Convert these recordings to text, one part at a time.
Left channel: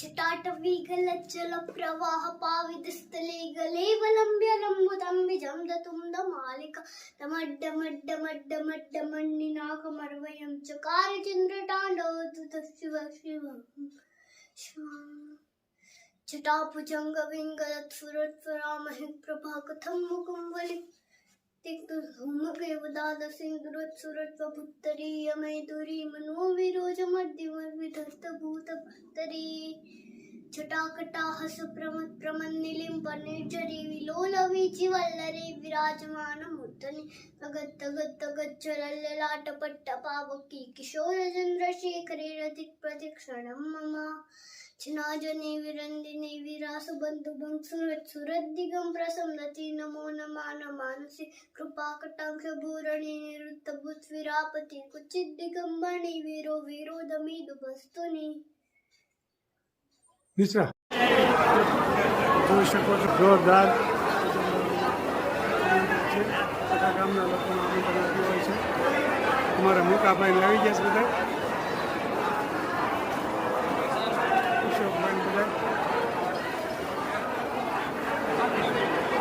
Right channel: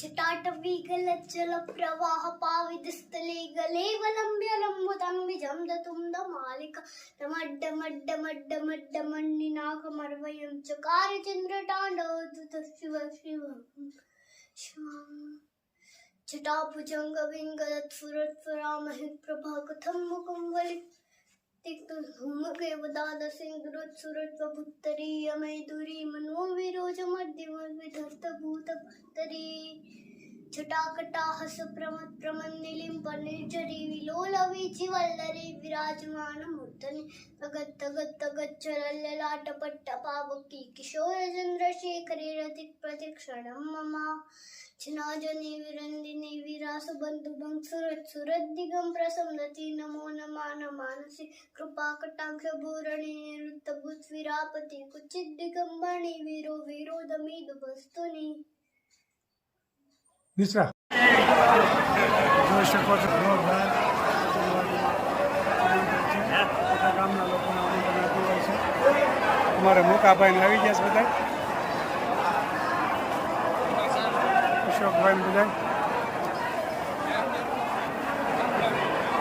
जटाटवीगलज्जल प्रवाह पावितस्थले गलेवलम्ब्य लम्बुतम्बिजं दतुम्दमालिका तमड्डमड्डमड्डमड्डमड्डमण्डिनाकमर्वयं चकार चन्द्रताण्डवदुतशिव जटाभुजङ्गविङ्गलत्सुरत्वरामहि प्रभा कथं मुखं वलितिक्तधूमकेवदादसिंधुरत्सुरत्वभुत्तरीयमैदुरी मनोविरोजमद्यमविधस्तभूतभत्तरी छटाकटाहस प्रमन्निलिम्पनिर्झरी विलोलवीचिवल्लरी विराजमानमूर्धनि तगत्तगत्तगच्चलल्ललाटपट्टपावकी किशोरचन्द्रशेखरे रतिप्रतिक्षणं मम छिन्नाजने विरन्दिने विरासबन्धुभं सुरद्दिगं प्रसंदति नमो नमानसि कृपाकटाक्षभूरणे निरुद्धभूत्विरापति कुचिद्दिगम्बणि वीरो विरोधमिदुभस्तुनि निश्रा જોઈ શકો છો જોરદાર ભજનવાડીમાં આમંત્રણ છે તથા ગામના લોકોને આમંત્રણ આપ્યું હોય છે અમારા મોકાભાઈને આવી ગયા છે બધા અશોકભાઈ બધા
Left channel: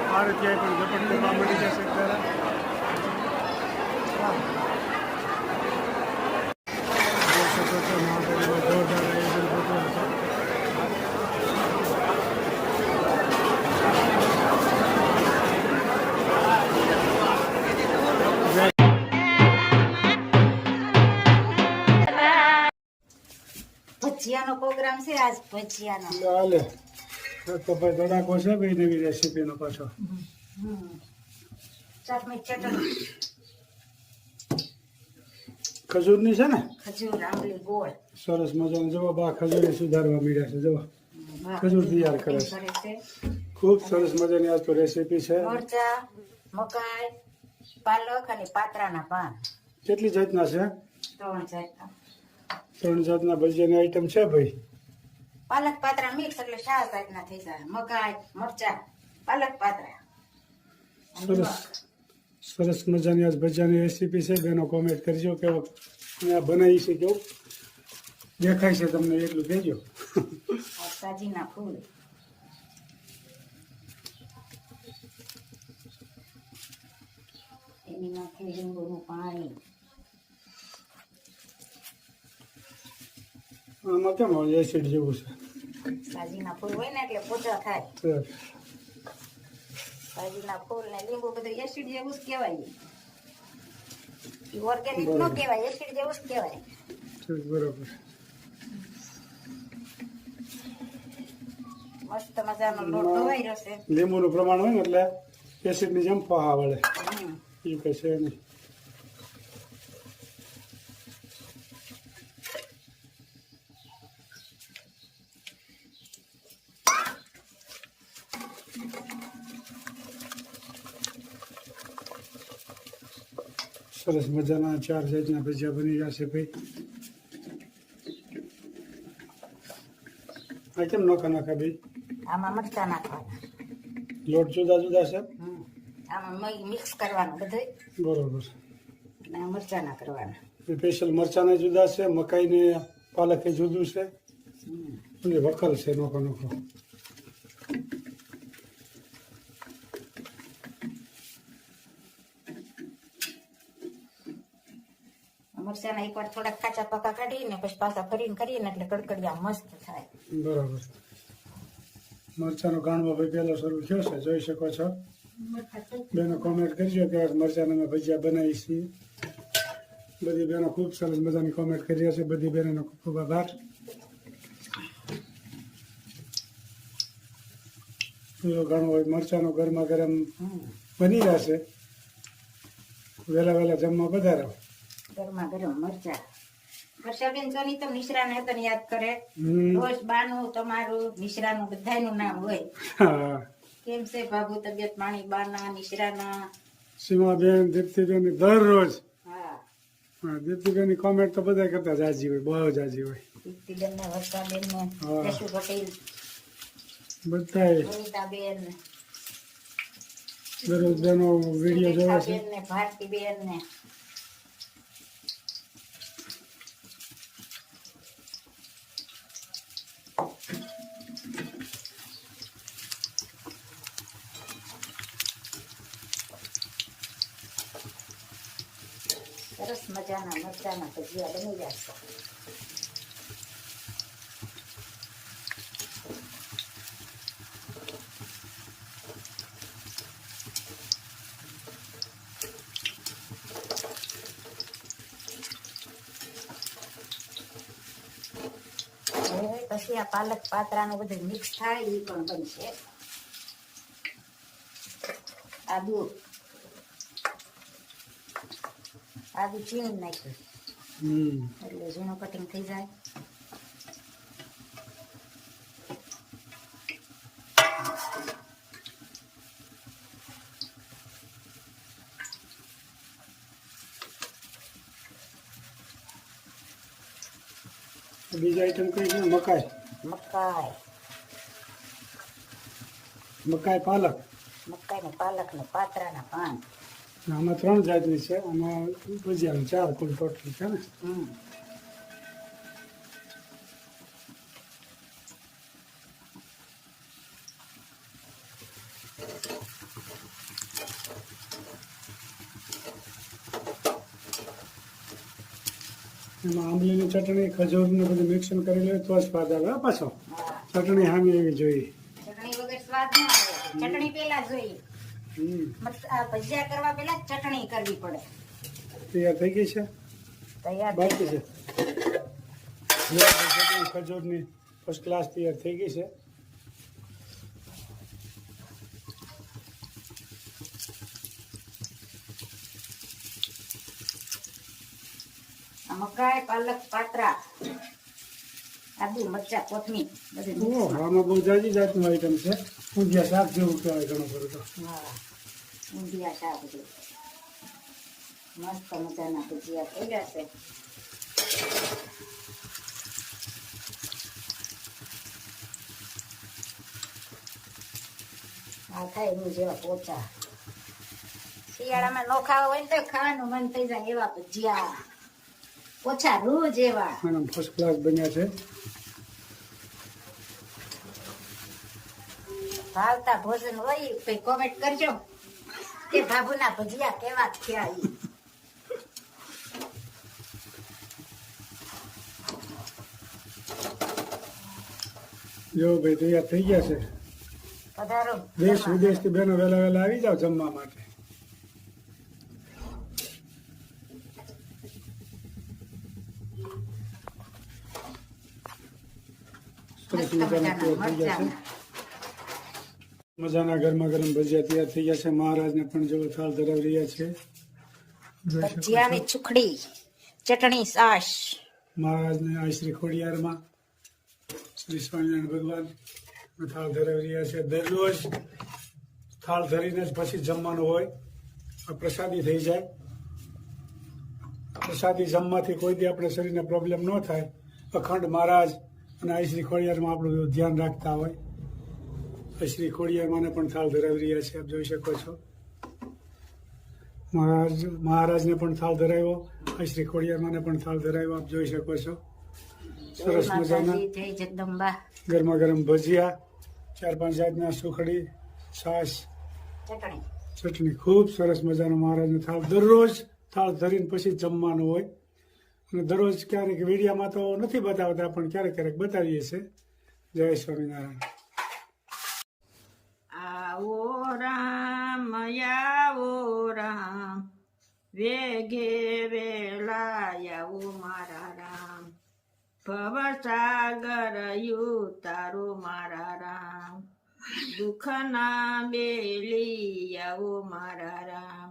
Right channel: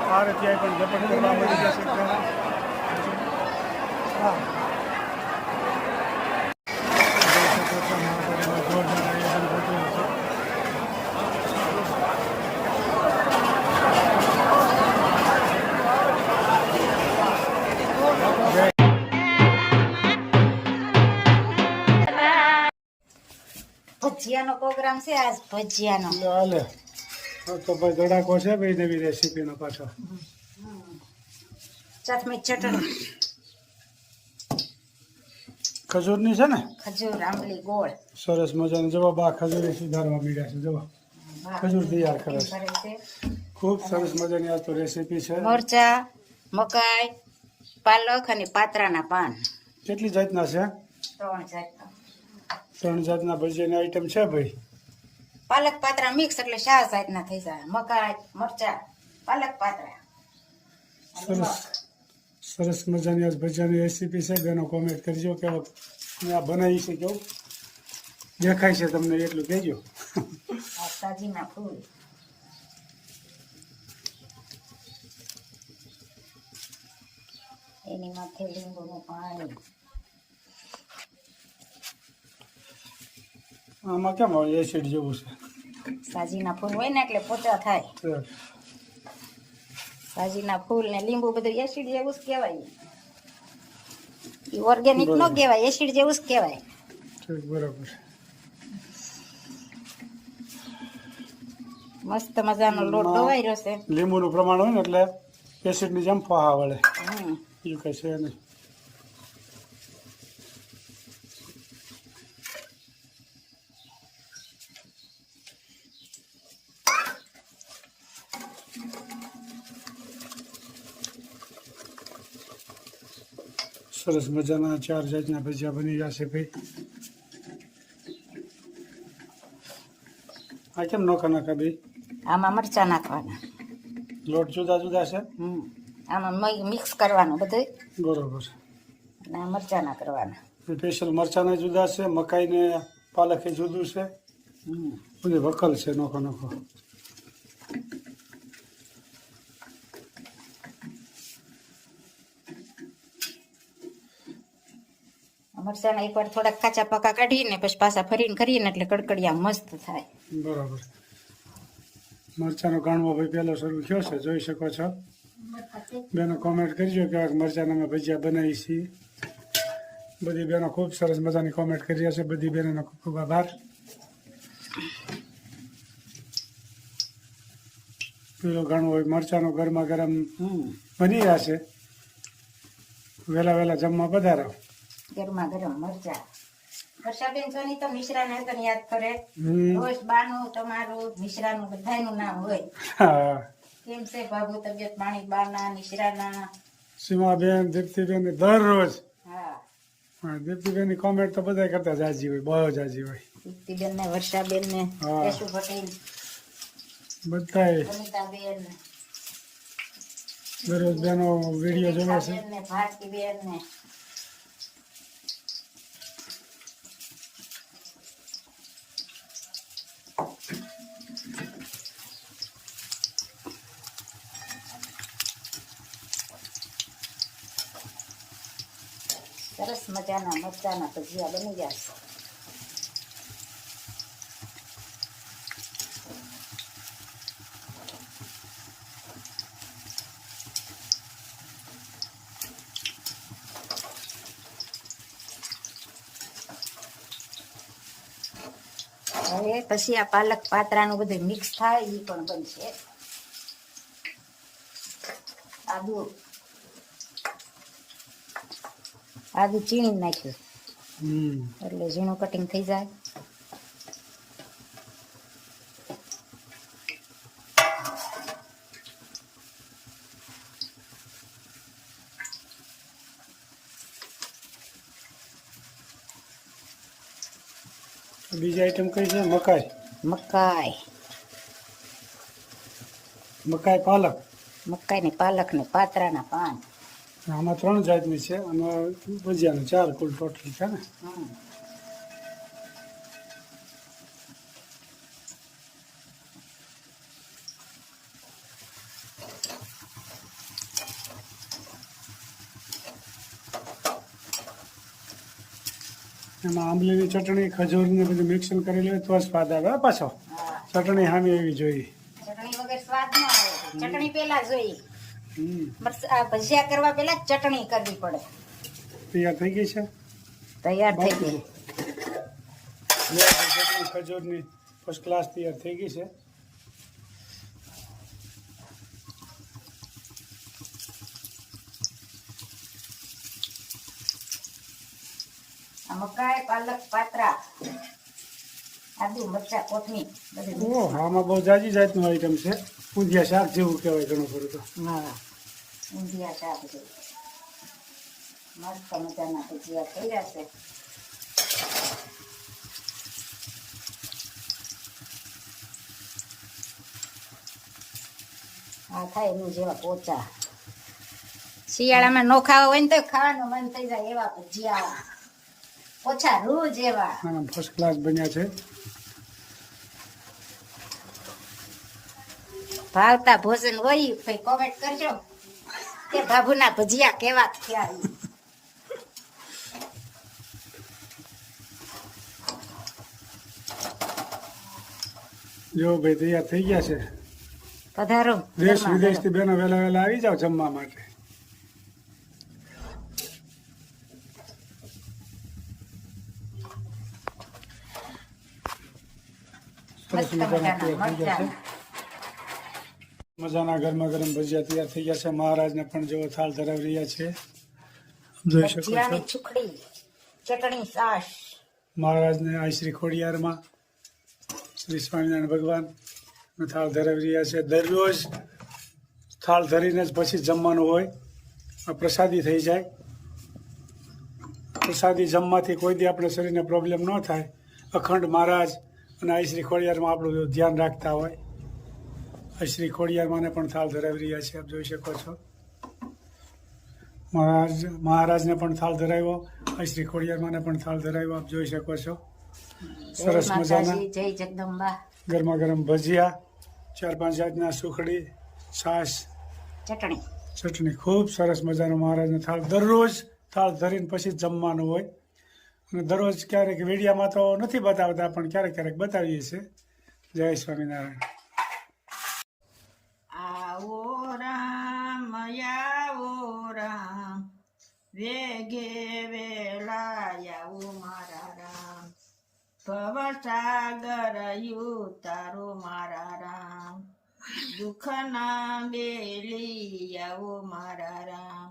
ભારતીય પણ ઝપટ કરવા મળી જશે ખરા જોઈ શકો છો મહાવાડીમાં જોરદાર આયોજન ગોઠવેલ છે ભજીયાનો પ્રોગ્રામ છે આજ ભજીયાનો હાલે તો ભાઈ ધડાકો છે ભાઈ નવી રેસીપીનો પાછો ચટણી ખજૂરની છે ને ખજૂર આંબલી ગોળ સરસ મજાનો જવાબ આ ખજૂરી સુધારવા મળ્યા છે જવા ખજૂર તૈયાર કરે છે ખૂબ સરસ મજાની આજ તો રેસીપી છે મરચા મકાઈ પાલક અને પાત્રાના પાન કેટલી જાતના છે 3 જાતના 3 જાતના ભજીયાની આઈટમ છે ભાઈ પાલક પાત્રા મિક્સ એટલે 4 જાતના થઈ જાય મકાઈ મરચા પાલક પાત્રા સરસ સરસ મજાની આજ ભજીયાની રેસીપી છે બેનો કોમેન્ટ કરજો કે આ બનાવી છે કેવું દેખાય છે તમને એટલું કહેજો સાજીના ફૂલ એની માથે લીંબુનું પાણી આમાં કેમ એસિડ જેવું છે સાજીના ફૂલ હોય ને એટલે પોચા થાય સાજીના ફૂલ ને લીંબુ બધું એસિડ જેવું જ કહેવાય એ ઓર્ગેનિક નો કહેવાય એસિડ જેવું જ કહેવાય ઠીક બરાબર મસ્ત મજાનો લોટ દવાઈ રહ્યો છે લીંબુનું પ્રમાણ હોય ને એટલે એસિડની જેમ ફાહા વળે એવું કઈ છે નહીં સરસ મજાના 4 જાતના ભજીયા બની જશે ભાઈ આ કેમ નોખા નાખા ભાઈ આમાં મરચા નાખવાના લોટ જુદા જુદા છે આમાં મિક્સ કરવાનું બધું બરોબર અને મરચા ના કરવાના સ્પેશિયલ મરચાના જુદા છે મકાઈ ને પાલક એ જુદું છે બધી વકલ છે નોખો નોખો મરચાના એક વાર થોડાક કાચા પાકા કાઢીને પછી પાછા ફરીને કરીએ ને એટલે કડકડિયા મસ્ત થાય બરાબર મરચાનો ગાણવો ભાઈ પહેલો શરૂ થયો છે જોઈ શકો છો બેનો કોમેન્ટ કરજો કે મરચાના અમે ભજીયા બનાવી છીએ બધી બેનો ખૂબ સરસ મજાની કોમેન્ટ કરી રહ્યા છે બધી બહેનોનો ખૂબ ખૂબ આભાર પેલો ગાણવો મરચાનો ગરમા ગરમ બની રહ્યા છે વહેલા વહેલા જમવા પધારો ગરમા ગરમ મરચા વર્ષાબેન સોની તો મિશ્રાને તને યાદ કરે રોજ બાનું તમારું મિશ્રાનું બધાયનું નામ હોય કેમ છે બાબુ તબિયત પાણી બાના મિશ્રાના સીમાબેન દીપ્તિબેન દરરોજ હા દીપ્તિબેન ની કોમેન્ટ તો બધા કરતા જાજી હોય બહુ જાજી હોય દીપ્તિબેન ને વર્ષાબેન ને કેશુ પટેલ બધા અનિતાબેન દરરોજ બેનો વિડીયો જોવે છે ને ભારતીબેન ને સરસ મજાના મરચાના ભજીયા બની જશે. હવે પછી આ પાલક પાત્રાનું બધું મિક્સ થાય એ પણ બનશે. આદુ ચીણી નાખ્યું એટલે ઝીણું કટિંગ થઈ જાય. બીજી આઈટમ કઈ છે? મકાઈ. મકાઈ મકાઈ પાલક. મકાઈ ને પાલક ને પાત્રાના પાન. આમાં 3 જાતની છે. આમાં ભજીયાનું 4 કુલ ટોટલ છે ને. એમાં આંબલીની ચટણી, ખજૂરને બધું મિક્સિંગ કરી લેવું તો સ્વાદ આવે. પાછો ચટણી સામી એવી જોઈએ. ચટણી વગર સ્વાદ ન આવે. ચટણી પેલા જોઈએ. બસ આ ભજીયા કરવા પેલા ચટણી કરવી પડે. તૈયાર થઈ ગઈ છે? તૈયાર બાકી છે. ચટણી ખજૂરની ફર્સ્ટ ક્લાસ તૈયાર થઈ ગઈ છે. મકાઈ, પાલક, પાત્રા, આદુ, મરચા, કોથમીર બધું. ઓહ, આમાં બહુ જાજી જાતનું આઈટમ છે. ઊંધિયા શાક જેવું કહેવાય ઘણું ખરું તો. હા, ઊંધિયા શાક જેવું. મસ્ત મજાના ભજીયા થઈ રહ્યા છે. આ થાય એનું જેવા પોચા. શિયાળામાં નો ખાવા હોય ને તો ખાવાનું મન થઈ જાય એવા ભજીયા. ઓછા રૂ જેવા. આના ફર્સ્ટ ક્લાસ બન્યા છે. ભાવતા ભોજન હોય તો કોમેન્ટ કરજો કે બાબુના ભજીયા કેવા થયા. જો ભાઈ તૈયાર થઈ ગયા છે. પધારો. દેશ વિદેશથી બેનો વહેલા વહેલા આવી જાવ જમવા માટે. સરસ મજાના તૈયાર થઈ ગયા છે. મજાના ગરમા ગરમ ભજીયા તૈયાર થઈ ગયા છે. મહારાજને પણ જેવો થાળ ધરાવી રહ્યા છે. જોઈ શકો છો. છુખડી, ચટણી, છાશ. મહારાજને આ શ્રી ખોડિયારમાં શ્રી સ્વામિનારાયણ ભગવાન થાળ ધરાવી રહ્યા છે. દરરોજ થાળ ધરીને જ પછી જમવાનું હોય. આ પ્રસાદી થઈ જાય. પ્રસાદી જમવાથી કોઈ દી આપણે શરીરને પ્રોબ્લેમ ન થાય. અખંડ મહારાજ અને આ શ્રી ખોડિયારમાં આપણું ધ્યાન રાખતા હોય. આ શ્રી ખોડિયારમાંને પણ થાળ ધરાવી રહ્યા છે. આપ જોઈ શકો છો. મહારાજને પણ થાળ ધરાવ્યો. આ શ્રી ખોડિયારમાંને પણ થાળ ધરાવ્યો. આપ જોઈ શકો છો. સરસ મજાના જય જગદંબા. ગરમા ગરમ ભજીયા, 4-5 જાતના સુખડી, છાશ, ચટણી. ખૂબ સરસ મજાનો મહારાજનો થાળ. દરરોજ થાળ ધરીને પછી જમવાનું હોય. અને દરરોજ ક્યારેક વીડિયામાં તો નથી બતાવતા, પણ ક્યારેક ક્યારેક બતાવીએ છીએ. જય સ્વામિનારાયણ. આવો રામ, આવો રામ, વેગે વેલા આવો મારા રામ. ભવસાગર યુતારો મારા રામ. દુઃખના બેલી આવો મારા રામ.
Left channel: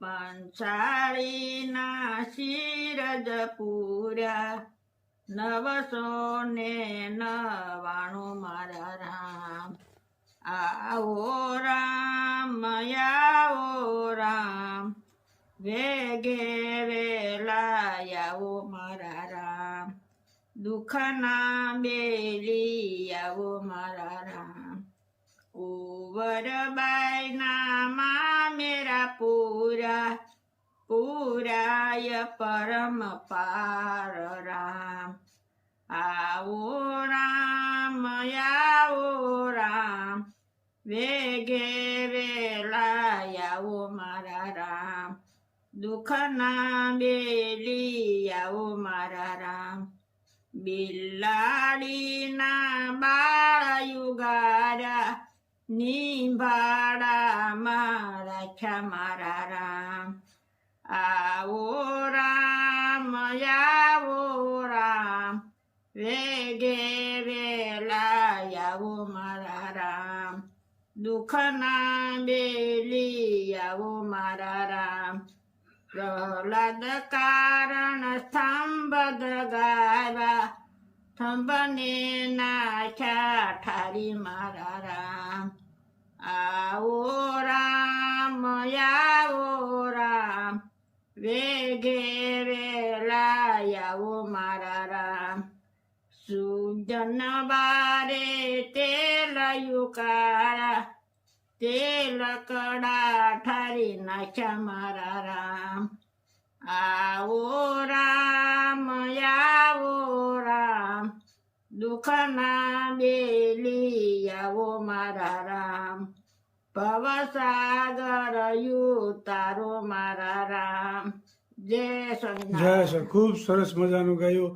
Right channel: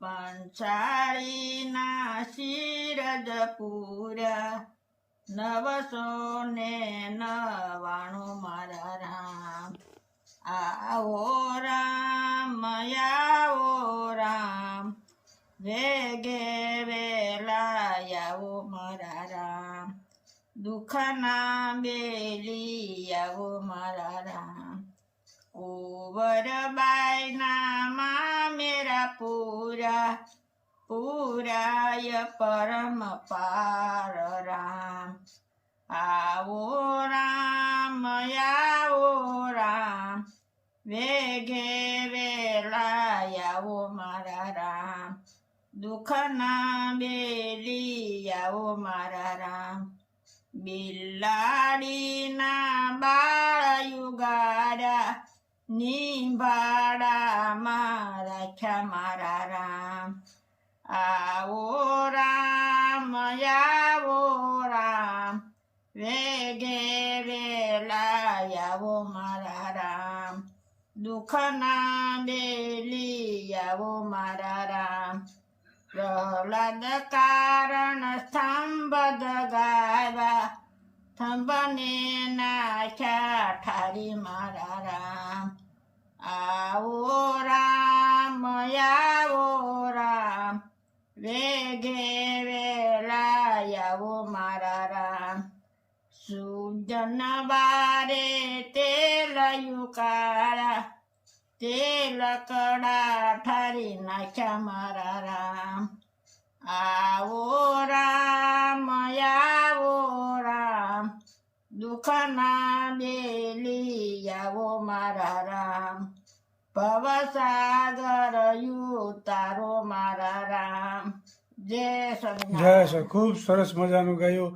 પંચાળીના શિરજ પૂર્યા, 999 મારા રામ. આવો રામ, આવો રામ, વેગે વેલા આવો મારા રામ. દુઃખના બેલી આવો મારા રામ. ઓવરબાઈના માં મેરા પૂરાય પરમ પાર રામ. આવો રામ, આવો રામ, વેગે વેલા આવો મારા રામ. દુઃખના બેલી આવો મારા રામ બિલાડીના બાળ યુગાડા નિભાડામાં રાખ્યા મારા રામ આવો રામ આવો રામ વેગે વેલા આવો મારા રામ દુઃખના બેલી આવો મારા રામ પ્રહલાદ કારણ સ્તંભ દગાવ્યા સ્તંભને નાખ્યા ઠારી મારા રામ આવો રામ વેગે વેલા આવો મારા રામ સુજન બારે તેલ યુકાળા તેલ કડા ઠારી નાખ્યા મારા રામ આવો રામ દુઃખના બેલી આવો મારા રામ ભવસાગર યુતારો મારા રામ જય સર ખૂબ સરસ મજાનું ગાયું.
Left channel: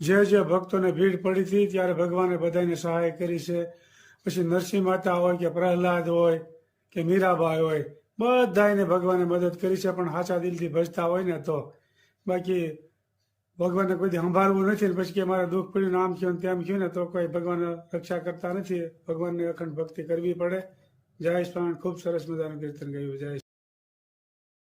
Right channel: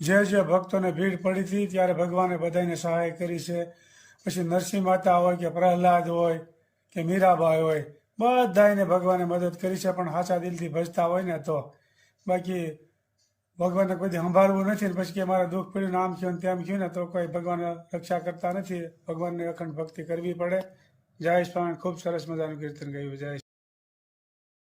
જે ભક્તોને ભીડ પડી હતી ત્યારે ભગવાને બધાને સહાય કરી છે. પછી નરસિંહ માતા હોય કે પ્રહલાદ હોય કે મીરાબાઈ હોય બધાને ભગવાને મદદ કરી છે, પણ સાચા દિલથી ભજતા હોય ને તો. બાકી ભગવાનને કોઈ સંભાળવું નથી ને પછી કે મારે દુઃખ પડ્યું ને આમ થયું ને તેમ થયું ને તો કોઈ ભગવાન રક્ષા કરતા નથી. ભગવાનની અખંડ ભક્તિ કરવી પડે. જય સ્વામી. ખૂબ સરસ મજાનું કીર્તન ગાયું. જય